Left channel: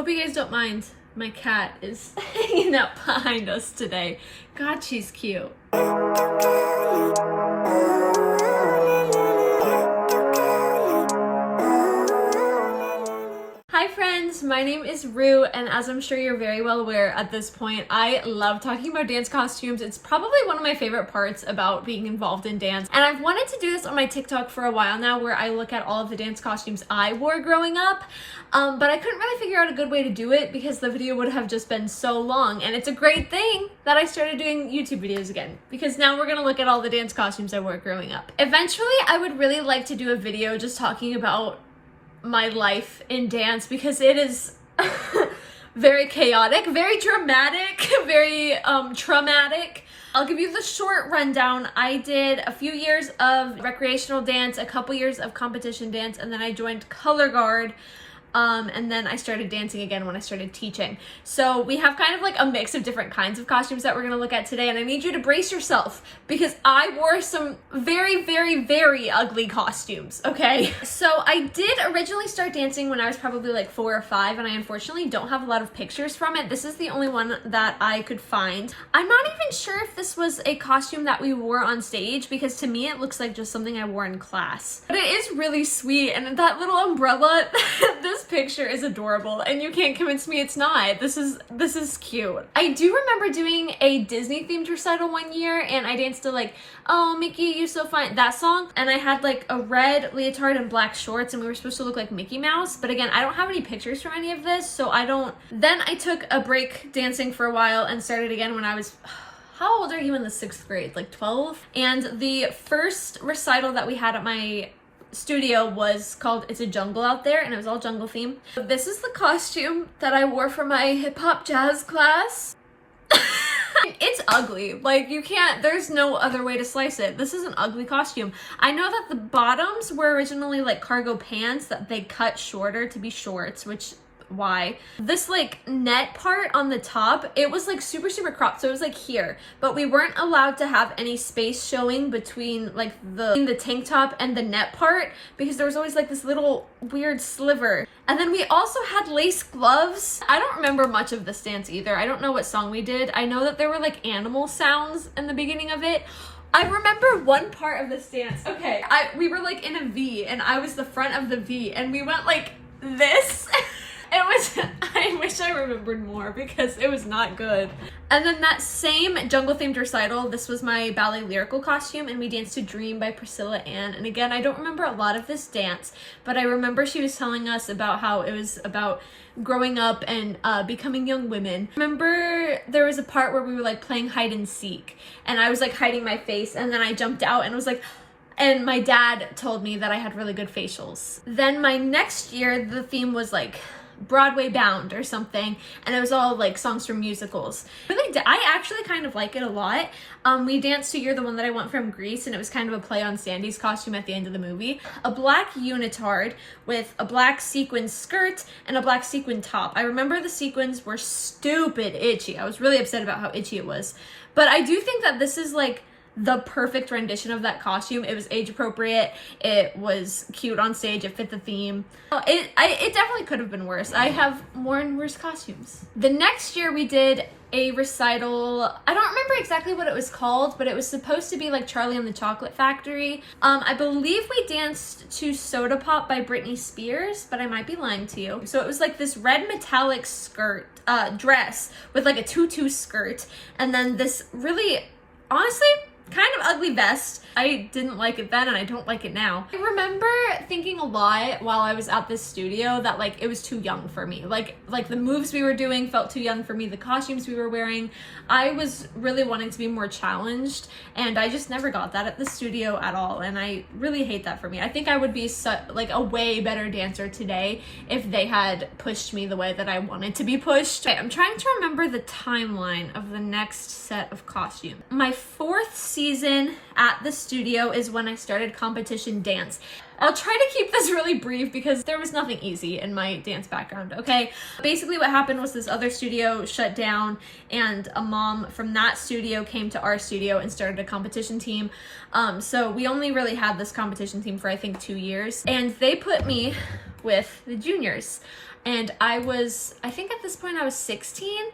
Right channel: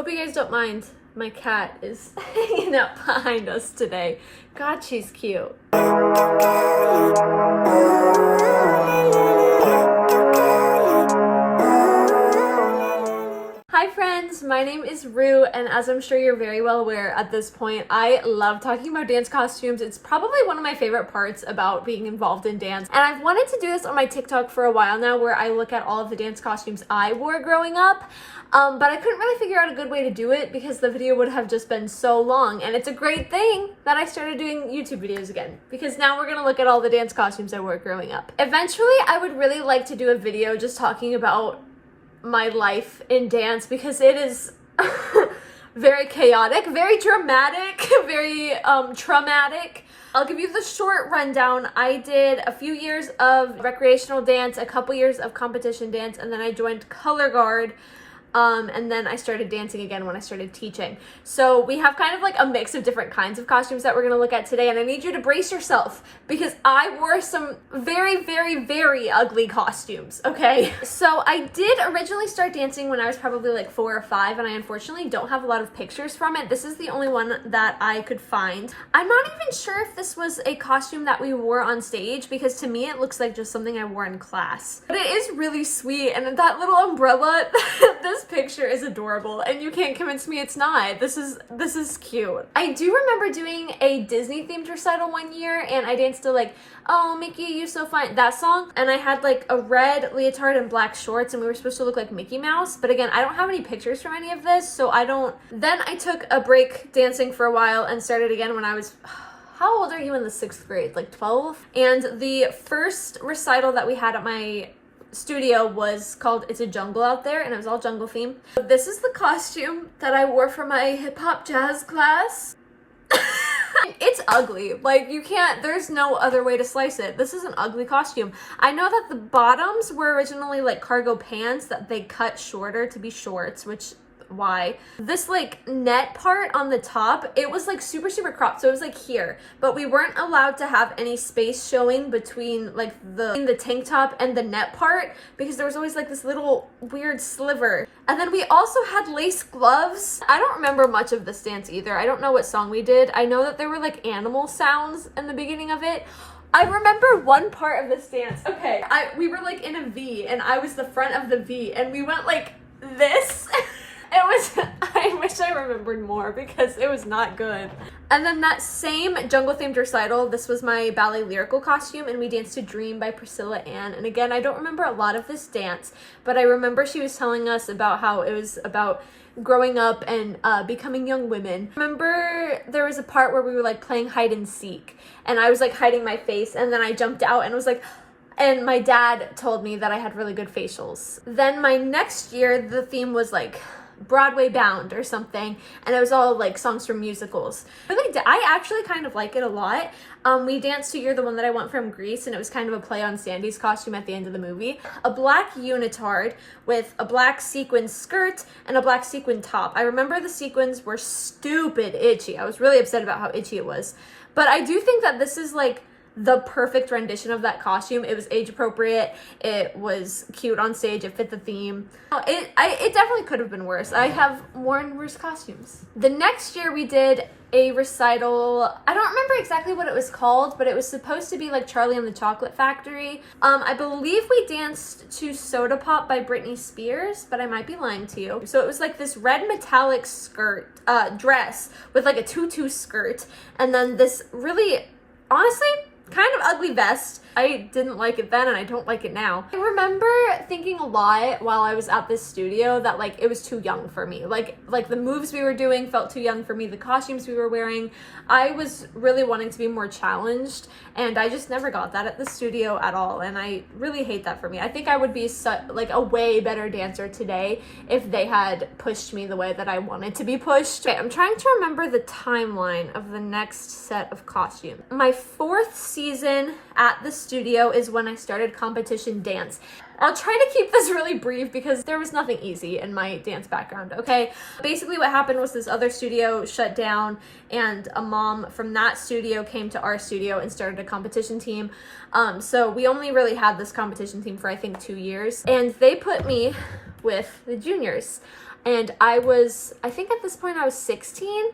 Hope you guys don't mind. My cat is hanging out behind us today. God, she's cute. Hi friends, my name is Rue, and as I'm sure you're very well aware at this point, I love talking about dance costumes. It's probably one of my favorite parts about being involved in dance, and I've wanted to do this on my TikTok for a while now, where I look at all of the dance costumes I wore growing up, but I couldn't really figure out a good way to do it because the video would have just been so long. And it's a great thing that I started doing YouTube videos again, because now we're gonna look at all the dance costumes I wore growing up. Eventually, I would really like to do a video just talking about my life in dance, because it is very chaotic, very dramatic, very traumatic. I'll give you the short rundown. I did a few years of recreational dance, a couple years of competition dance, and then I joined Color Guard. And then I started dancing again when I started teaching. So we have kind of like a mix of different kinds of costumes that we're gonna look at today, and I need you to brace yourself because I wore some very, very, very ugly costumes, okay? So I did originally start dancing when I was probably like 4 or 5, and I unfortunately don't have a lot of pictures from it. This is the only one that I could find. I'm not even sure if this was a costume that we wore on stage, because to me it looks like just something I wore in class. But it is really sweet, and that little umbrella, this picture is adorable, and you can't convince me it's not. This is cute. I do remember doing a Disney themed recital one year, and I danced to like, "Oh Mickey, you so fine," that song, and I had like a red leotard and black shorts, and we were supposed to look like Mickey Mouse. But again, I don't have any pictures from any of this, so I don't. Then I took a break dancing for a while and started again when I was how old are you in the 6th grade? Like 12? And the first recital that we had at my studio was called It's a Jungle Out There, and it was all jungle themed. This is the costume that I wore for my hip-hop jazz class. It's ugly. Like, you can't, there's no other way to slice it. This is an ugly costume. I know that the bottoms were originally like cargo pants that they cut shorter to be shorts, which why. This like net part on the top, it was like super cropped, so it was like here, but we weren't allowed to have any space showing between like the tank top and the net part, because there was always like this little weird sliver. And then we also had lace gloves. I don't remember much of this dance either. I don't know what song we did. I know that there were like animal sounds in the beginning of it. I remember one part of this dance. Okay, we were like in a V, and I was the front of the V, and we went like this. It was, I wish I remembered more because it was not good. And then that same jungle themed recital, this was my ballet lyrical costume, and we danced to Dream by Priscilla Ann. And again, I don't remember a lot of this dance, but I remember she was telling us about how it was about growing up and becoming young women. Remember there was a part where we were like playing hide and seek, and I was like hiding my face, and then I jumped out and was like, and my dad told me that I had really good facials. Then my next year, the theme was like Broadway Bound or something, and it was all like songs from musicals. I actually kind of like it a lot. We danced to You're the One That I Want from Grease, and it was kind of a play on Sandy's costume at the end of the movie. A black unitard with a black sequin skirt and a black sequin top. I remember the sequins were stupid itchy. I was really upset about how itchy it was. But I do think that this is like the perfect rendition of that costume. It was age appropriate, it was cute on stage, it fit the theme. It definitely could have been worse. I have worn worse costumes. The next year we did a recital. I don't remember exactly what it was called, but it was supposed to be like Charlie and the Chocolate Factory. I believe we danced to Soda Pop by Britney Spears, but I might be lying to you. So it was like this red metallic skirt, dress with like a tutu skirt, and then this really, honestly, kind of ugly vest. I didn't like it then, and I don't like it now. I remember thinking a lot while I was at this studio that like it was too young for me. Like the moves we were doing felt too young for me. The costumes we were wearing, I was really wanting to be more challenged, and I just never got that at the studio at all, and I really hate that for me. I think I would be like a way better dancer today if they had pushed me the way that I wanted to be pushed. Okay, I'm trying to remember the timeline of the next set of costumes. My 4th season at the studio is when I started competition dance. I'll try to keep this really brief because there was nothing easy in my dance background, okay? Basically what happened was this other studio shut down, and a mom from that studio came to our studio and started a competition team. So we only really had this competition team for I think 2 years, and they put me with the juniors. and I think at this point I was 16,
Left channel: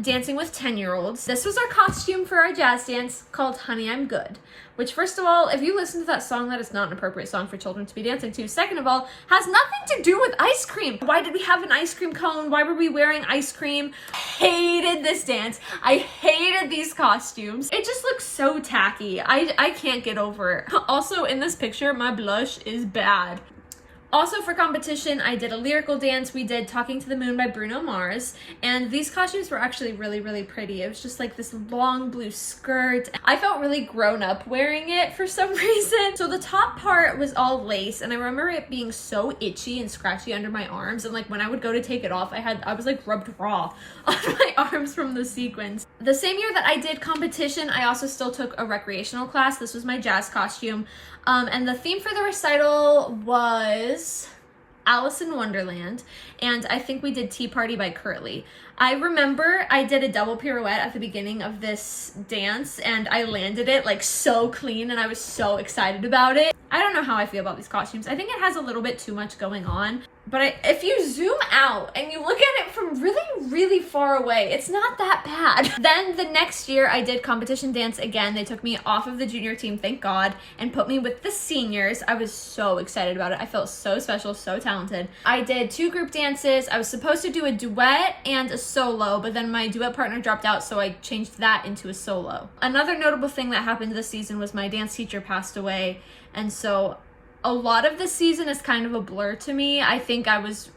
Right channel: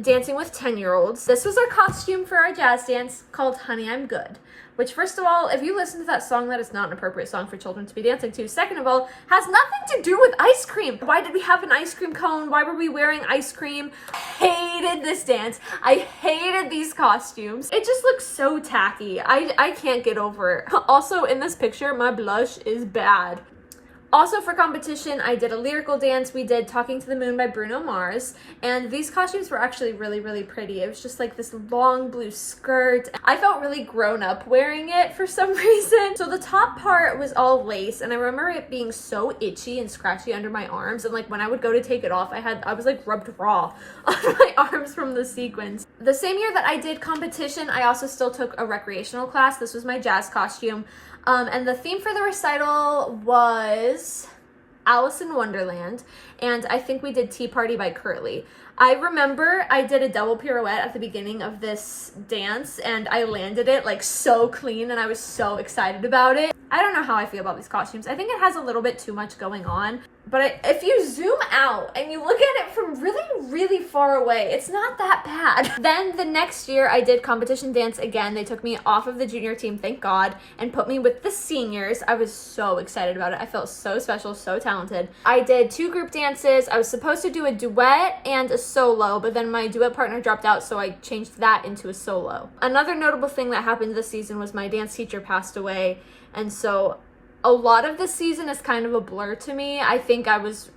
dancing with 10-year-olds. This was our costume for our jazz dance called Honey, I'm Good, which, first of all, if you listen to that song, that is not an appropriate song for children to be dancing to. Second of all, has nothing to do with ice cream. Why did we have an ice cream cone? Why were we wearing ice cream? Hated this dance. I hated these costumes. It just looks so tacky. I can't get over it. Also, in this picture, my blush is bad. Also for competition, I did a lyrical dance. We did Talking to the Moon by Bruno Mars, and these costumes were actually really, really pretty. It was just like this long blue skirt. I felt really grown up wearing it for some reason. So the top part was all lace, and I remember it being so itchy and scratchy under my arms, and like when I would go to take it off, I was like rubbed raw on my arms from the sequins. The same year that I did competition, I also still took a recreational class. This was my jazz costume. And the theme for the recital was Alice in Wonderland, and I think we did Tea Party by Curly. I remember I did a double pirouette at the beginning of this dance, and I landed it like so clean, and I was so excited about it. I don't know how I feel about these costumes. I think it has a little bit too much going on, but if you zoom out and you look at it from really, really far away, it's not that bad. Then the next year I did competition dance again. They took me off of the junior team, thank God, and put me with the seniors. I was so excited about it. I felt so special, so talented. I did 2 group dances. I was supposed to do a duet and a solo, but then my duet partner dropped out, so I changed that into a solo. Another notable thing that happened this season was my dance teacher passed away, and so a lot of this season is kind of a blur to me. I think I was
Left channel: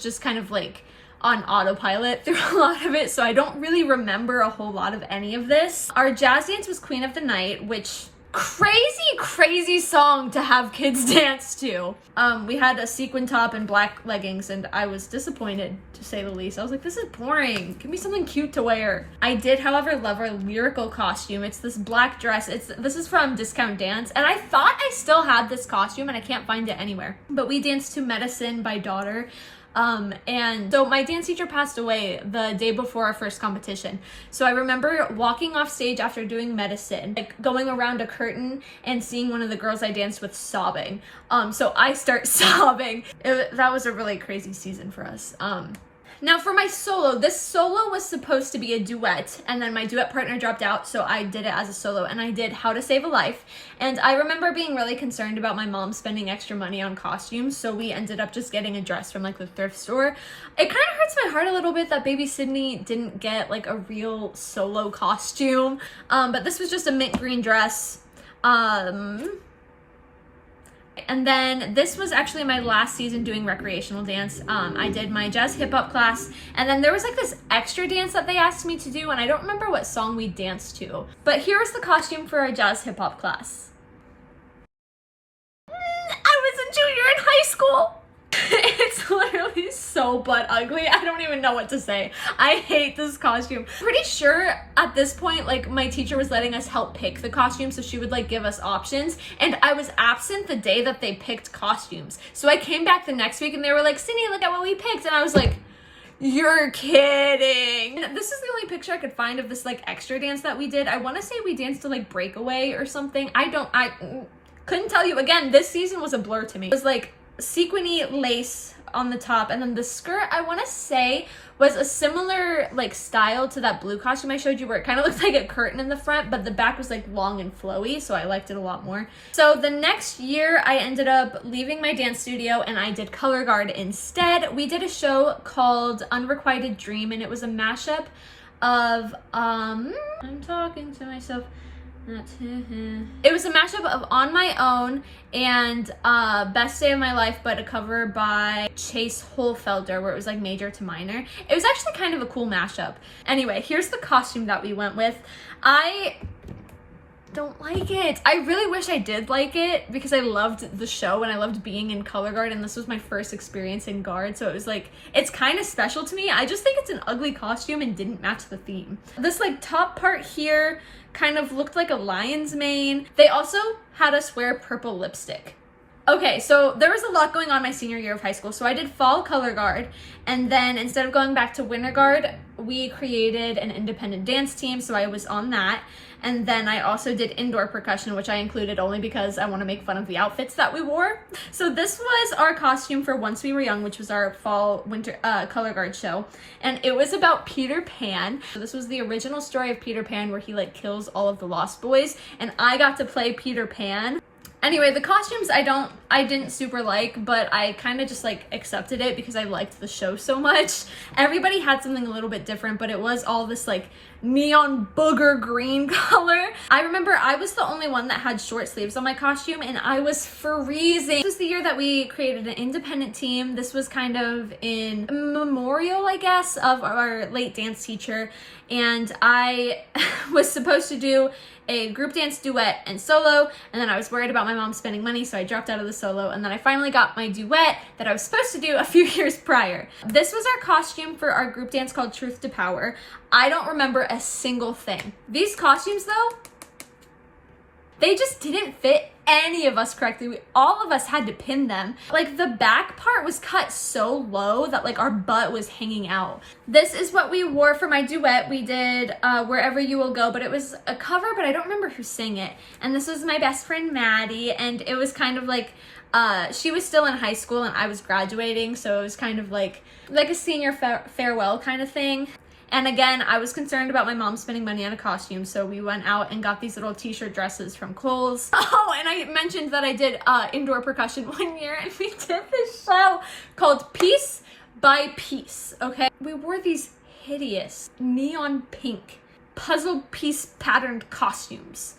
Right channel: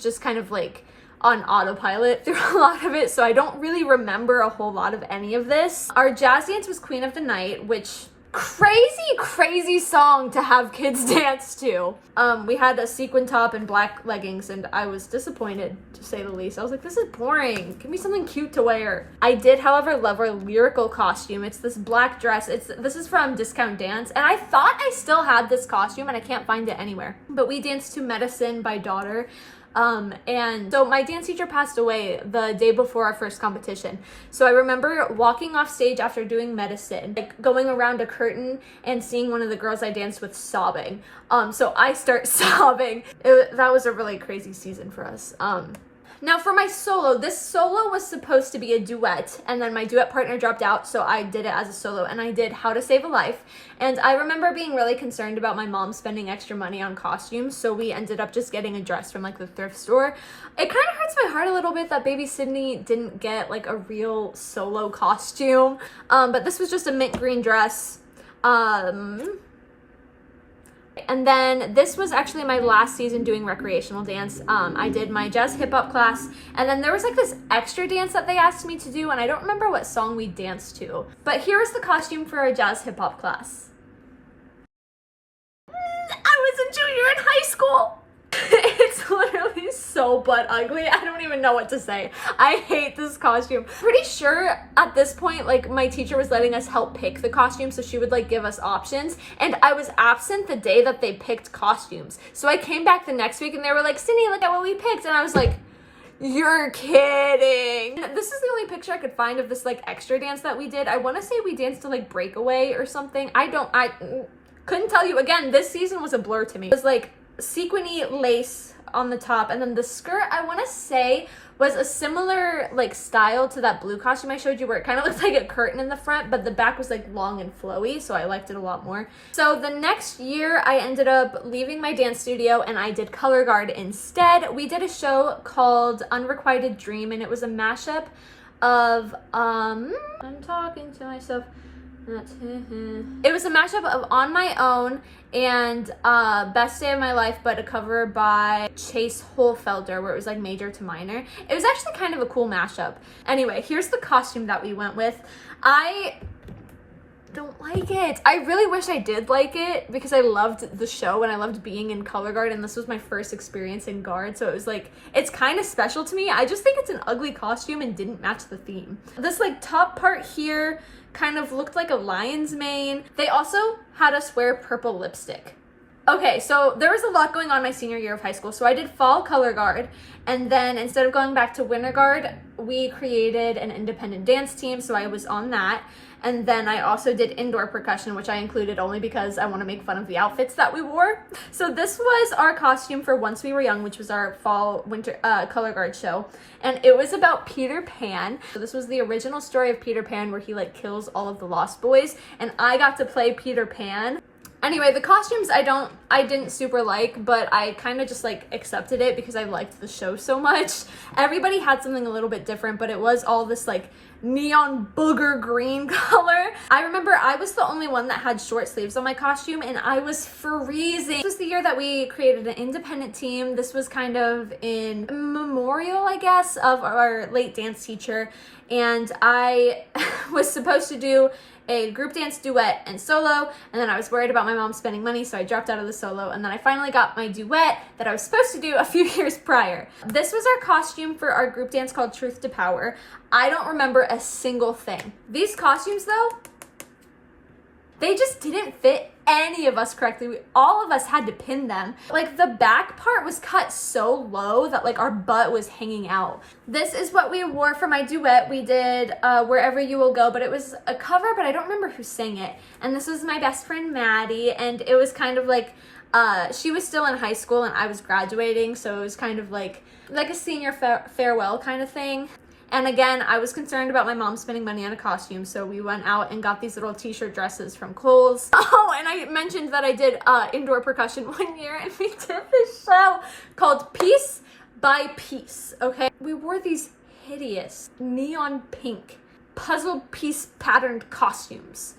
just kind of like on autopilot through a lot of it, so I don't really remember a whole lot of any of this. Our jazz dance was Queen of the Night, which crazy song to have kids dance to. We had a sequin top and black leggings, and I was disappointed, to say the least. I was like, this is boring. Give me something cute to wear. I did, however, love our lyrical costume. It's this black dress. This is from Discount Dance, and I thought I still had this costume, and I can't find it anywhere. But we danced to Medicine by Daughter. And so my dance teacher passed away the day before our first competition. So I remember walking off stage after doing Medicine, like going around a curtain and seeing one of the girls I danced with sobbing. So I start sobbing. That was a really crazy season for us. Now for my solo, this solo was supposed to be a duet, and then my duet partner dropped out, so I did it as a solo, and I did How to Save a Life. And I remember being really concerned about my mom spending extra money on costumes, so we ended up just getting a dress from like the thrift store. It kind of hurts my heart a little bit that baby Sydney didn't get like a real solo costume, but this was just a mint green dress. And then this was actually my last season doing recreational dance. I did my jazz hip hop class, and then there was like this extra dance that they asked me to do, and I don't remember what song we danced to. But here was the costume for our jazz hip hop class. I was a junior in high school. It's literally so butt ugly. I don't even know what to say. I hate this costume. Pretty sure at this point, like, my teacher was letting us help pick the costume, so she would like give us options, and I was absent the day that they picked costumes. So I came back the next week and they were like, Sydney, look at what we picked, and I was like, you're kidding. This is the only picture I could find of this like extra dance that we did. I want to say we danced to like Breakaway or something. I couldn't tell you. Again, this season was a blur to me. It was like sequiny lace on the top, and then the skirt, I want to say, was a similar like style to that blue costume I showed you, where it kind of looks like a curtain in the front, but the back was like long and flowy, so I liked it a lot more. So the next year I ended up leaving my dance studio and I did color guard instead. We did a show called Unrequited Dream, and it was a mashup of I'm talking to myself. It was a mashup of On My Own and Best Day of My Life, but a cover by Chase Holfelder, where it was like major to minor. It was actually kind of a cool mashup. Anyway, here's the costume that we went with. I don't like it. I really wish I did like it, because I loved the show and I loved being in color guard, and this was my first experience in guard, so it was like, it's kind of special to me. I just think it's an ugly costume and didn't match the theme. This like top part here kind of looked like a lion's mane. They also had us wear purple lipstick. Okay, so there was a lot going on my senior year of high school. So I did fall color guard, and then instead of going back to winter guard, we created an independent dance team, so I was on that. And then I also did indoor percussion, which I included only because I want to make fun of the outfits that we wore. So this was our costume for Once We Were Young, which was our fall winter color guard show. And it was about Peter Pan. So this was the original story of Peter Pan where he like kills all of the Lost Boys. And I got to play Peter Pan. Anyway, the costumes I didn't super like, but I kind of just like accepted it because I liked the show so much. Everybody had something a little bit different, but it was all this like neon booger green color. I remember I was the only one that had short sleeves on my costume and I was freezing. This was the year that we created an independent team. This was kind of in memorial, I guess, of our late dance teacher. And I was supposed to do a group dance, duet, and solo, and then I was worried about my mom spending money, so I dropped out of the solo, and then I finally got my duet that I was supposed to do a few years prior. This was our costume for our group dance called Truth to Power. I don't remember a single thing. These costumes, though, they just didn't fit any of us correctly. All of us had to pin them. Like the back part was cut so low that like our butt was hanging out. This is what we wore for my duet. We did Wherever You Will Go, but it was a cover, but I don't remember who sang it. And this was my best friend Maddie, and it was kind of like she was still in high school and I was graduating, so it was kind of like a senior farewell kind of thing. And again, I was concerned about my mom spending money on a costume, so we went out and got these little t-shirt dresses from Kohl's. Oh, and I mentioned that I did indoor percussion one year, and we did this show called Piece by Piece, okay? We wore these hideous neon pink puzzle piece patterned costumes.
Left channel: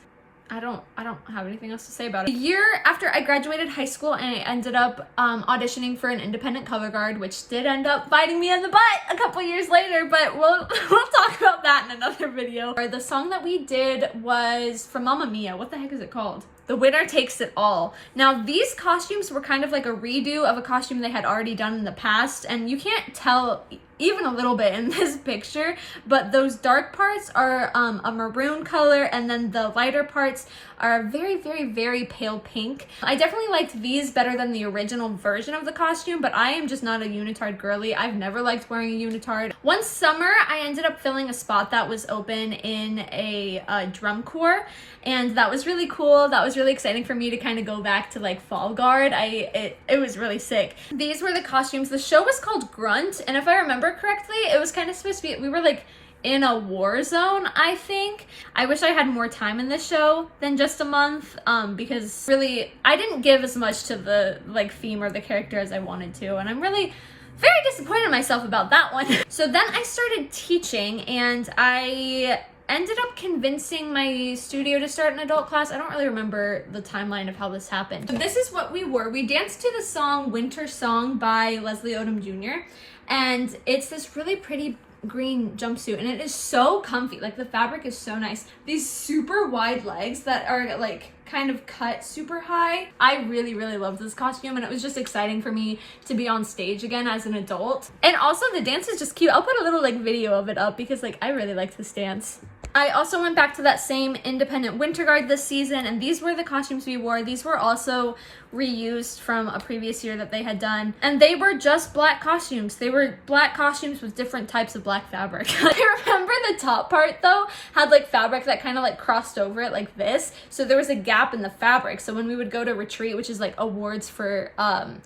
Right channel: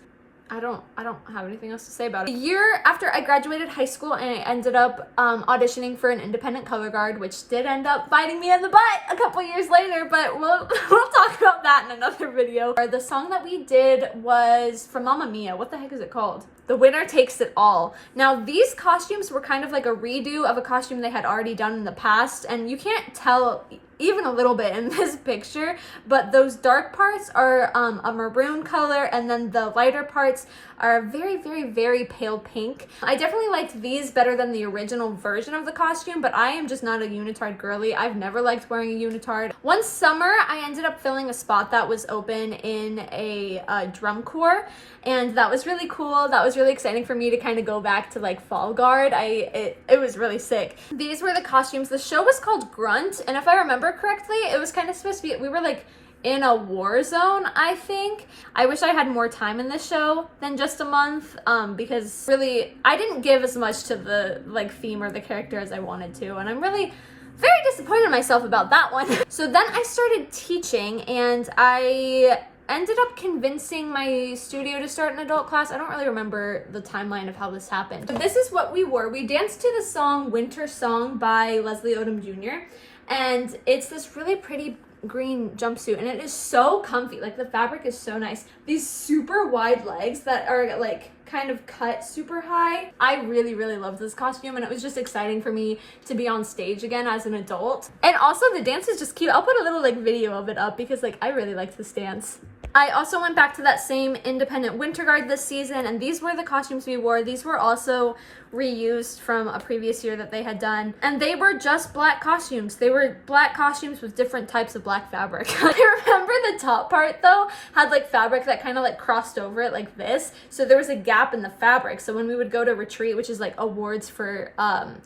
I don't have anything else to say about it. A year after I graduated high school and I ended up auditioning for an independent color guard, which did end up biting me in the butt a couple years later, but we'll talk about that in another video. The song that we did was from Mamma Mia. What the heck is it called? The Winner Takes It All. Now, these costumes were kind of like a redo of a costume they had already done in the past, and you can't tell even a little bit in this picture, but those dark parts are a maroon color, and then the lighter parts are very, very, very pale pink. I definitely liked these better than the original version of the costume, but I am just not a unitard girly. I've never liked wearing a unitard. One summer, I ended up filling a spot that was open in a drum corps, and that was really cool. That was really exciting for me to kind of go back to like fall guard. It was really sick. These were the costumes. The show was called Grunt, and if I remember correctly, it was kind of supposed to be, we were like in a war zone, I think. I wish I had more time in this show than just a month, because really I didn't give as much to the like theme or the character as I wanted to, and I'm really very disappointed in myself about that one. So then I started teaching, and I ended up convincing my studio to start an adult class. I don't really remember the timeline of how this happened. So this is what we wore. We danced to the song Winter Song by Leslie Odom Jr. And it's this really pretty green jumpsuit, and it is so comfy. Like the fabric is so nice. These super wide legs that are like kind of cut super high. I really, really loved this costume, and it was just exciting for me to be on stage again as an adult. And also the dance is just cute. I'll put a little like video of it up because like I really liked this dance. I also went back to that same independent winter guard this season, and these were the costumes we wore. These were also reused from a previous year that they had done, and they were just black costumes. They were black costumes with different types of black fabric. I remember the top part though had like fabric that kind of like crossed over it like this, so there was a gap in the fabric. So when we would go to retreat, which is like awards for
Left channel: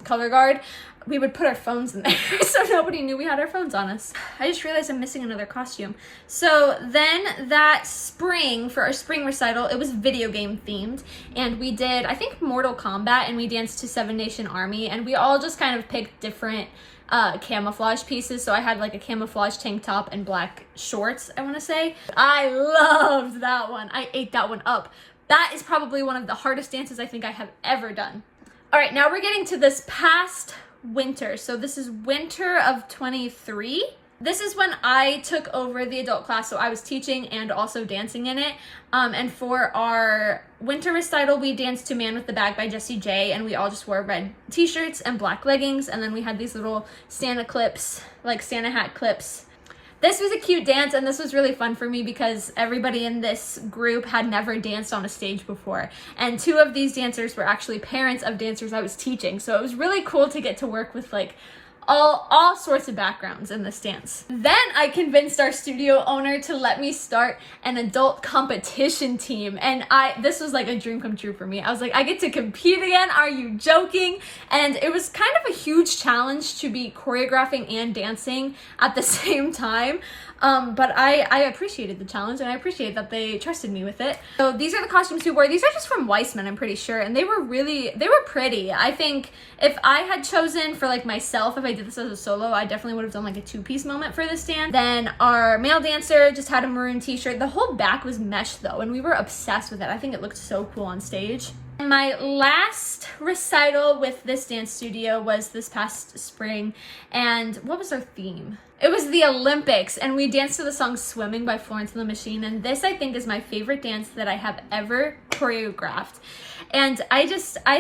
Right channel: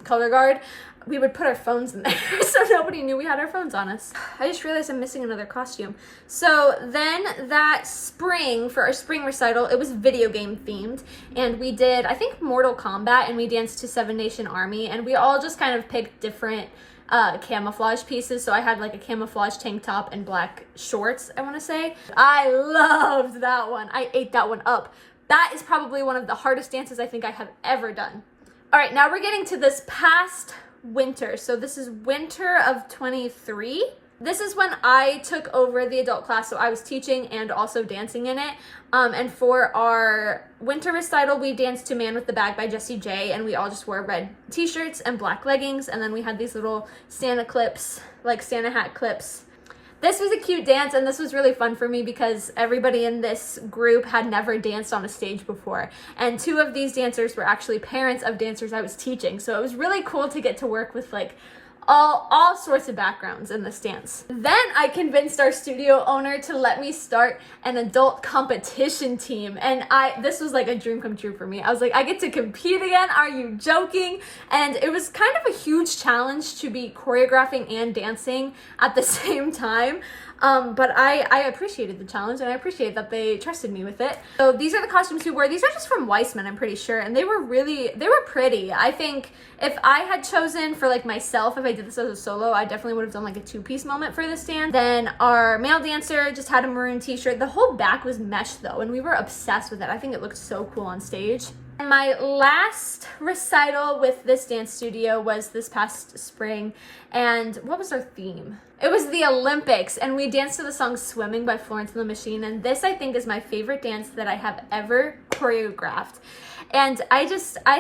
color guard, we would put our phones in there so nobody knew we had our phones on us. I just realized I'm missing another costume. So then that spring, for our spring recital, it was video game themed, and we did, I think, Mortal Kombat, and we danced to Seven Nation Army, and we all just kind of picked different camouflage pieces. So I had like a camouflage tank top and black shorts, I want to say. I loved that one. I ate that one up. That is probably one of the hardest dances I think I have ever done. All right, now we're getting to this past winter. So this is winter of 23. This is when I took over the adult class, so I was teaching and also dancing in it. And for our winter recital, we danced to Man with the Bag by Jessie J, and we all just wore red t-shirts and black leggings, and then we had these little Santa clips, like Santa hat clips. This was a cute dance, and this was really fun for me because everybody in this group had never danced on a stage before. And two of these dancers were actually parents of dancers I was teaching. So it was really cool to get to work with like all sorts of backgrounds in this dance. Then I convinced our studio owner to let me start an adult competition team, and this was like a dream come true for me. I was like, I get to compete again, are you joking? And it was kind of a huge challenge to be choreographing and dancing at the same time. But I appreciated the challenge, and I appreciate that they trusted me with it. So these are the costumes we wore. These are just from Weissman, I'm pretty sure, and they were pretty. I think if I had chosen for like myself, if I did this as a solo, I definitely would have done like a 2-piece moment for this dance. Then our male dancer just had a maroon t-shirt. The whole back was mesh though, and we were obsessed with it. I think it looked so cool on stage. My last recital with this dance studio was this past spring, and what was our theme? It was the Olympics, and we danced to the song Swimming by Florence and the Machine, and this I think is my favorite dance that I have ever choreographed. And I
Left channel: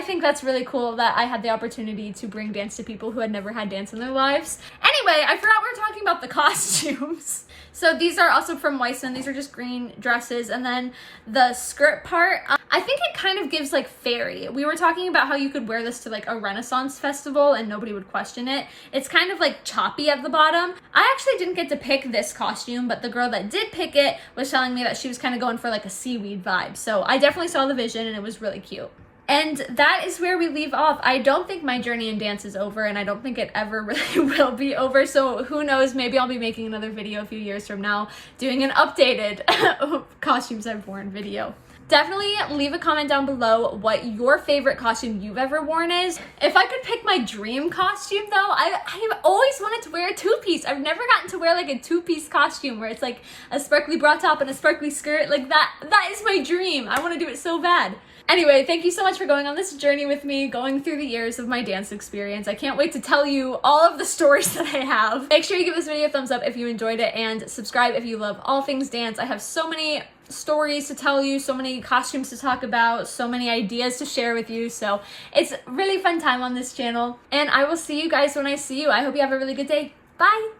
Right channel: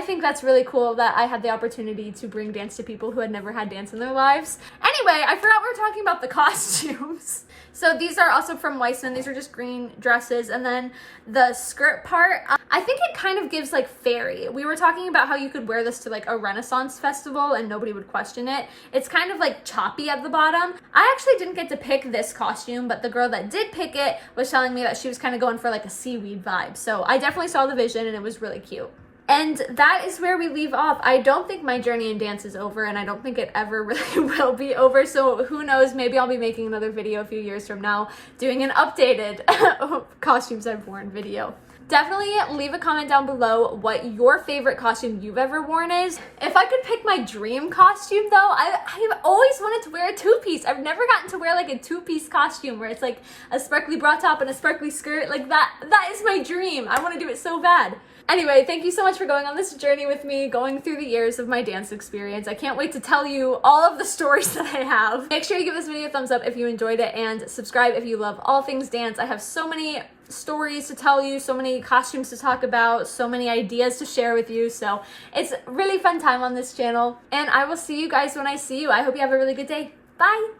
think that's really cool that I had the opportunity to bring dance to people who had never had dance in their lives. Anyway, I forgot we were talking about the costumes. So these are also from Weissman. These are just green dresses. And then the skirt part, I think it kind of gives like fairy. We were talking about how you could wear this to like a Renaissance festival and nobody would question it. It's kind of like choppy at the bottom. I actually didn't get to pick this costume, but the girl that did pick it was telling me that she was kind of going for like a seaweed vibe. So I definitely saw the vision and it was really cute. And that is where we leave off. I don't think my journey in dance is over, and I don't think it ever really will be over. So who knows, maybe I'll be making another video a few years from now doing an updated costumes I've worn video. Definitely leave a comment down below what your favorite costume you've ever worn is. If I could pick my dream costume though, I've always wanted to wear a 2-piece. I've never gotten to wear like a 2-piece costume where it's like a sparkly bra top and a sparkly skirt. Like that is my dream. I want to do it so bad. Anyway, thank you so much for going on this journey with me, going through the years of my dance experience. I can't wait to tell you all of the stories that I have. Make sure you give this video a thumbs up if you enjoyed it, and subscribe if you love all things dance. I have so many stories to tell you, so many costumes to talk about, so many ideas to share with you. So it's a really fun time on this channel, and I will see you guys when I see you. I hope you have a really good day. Bye!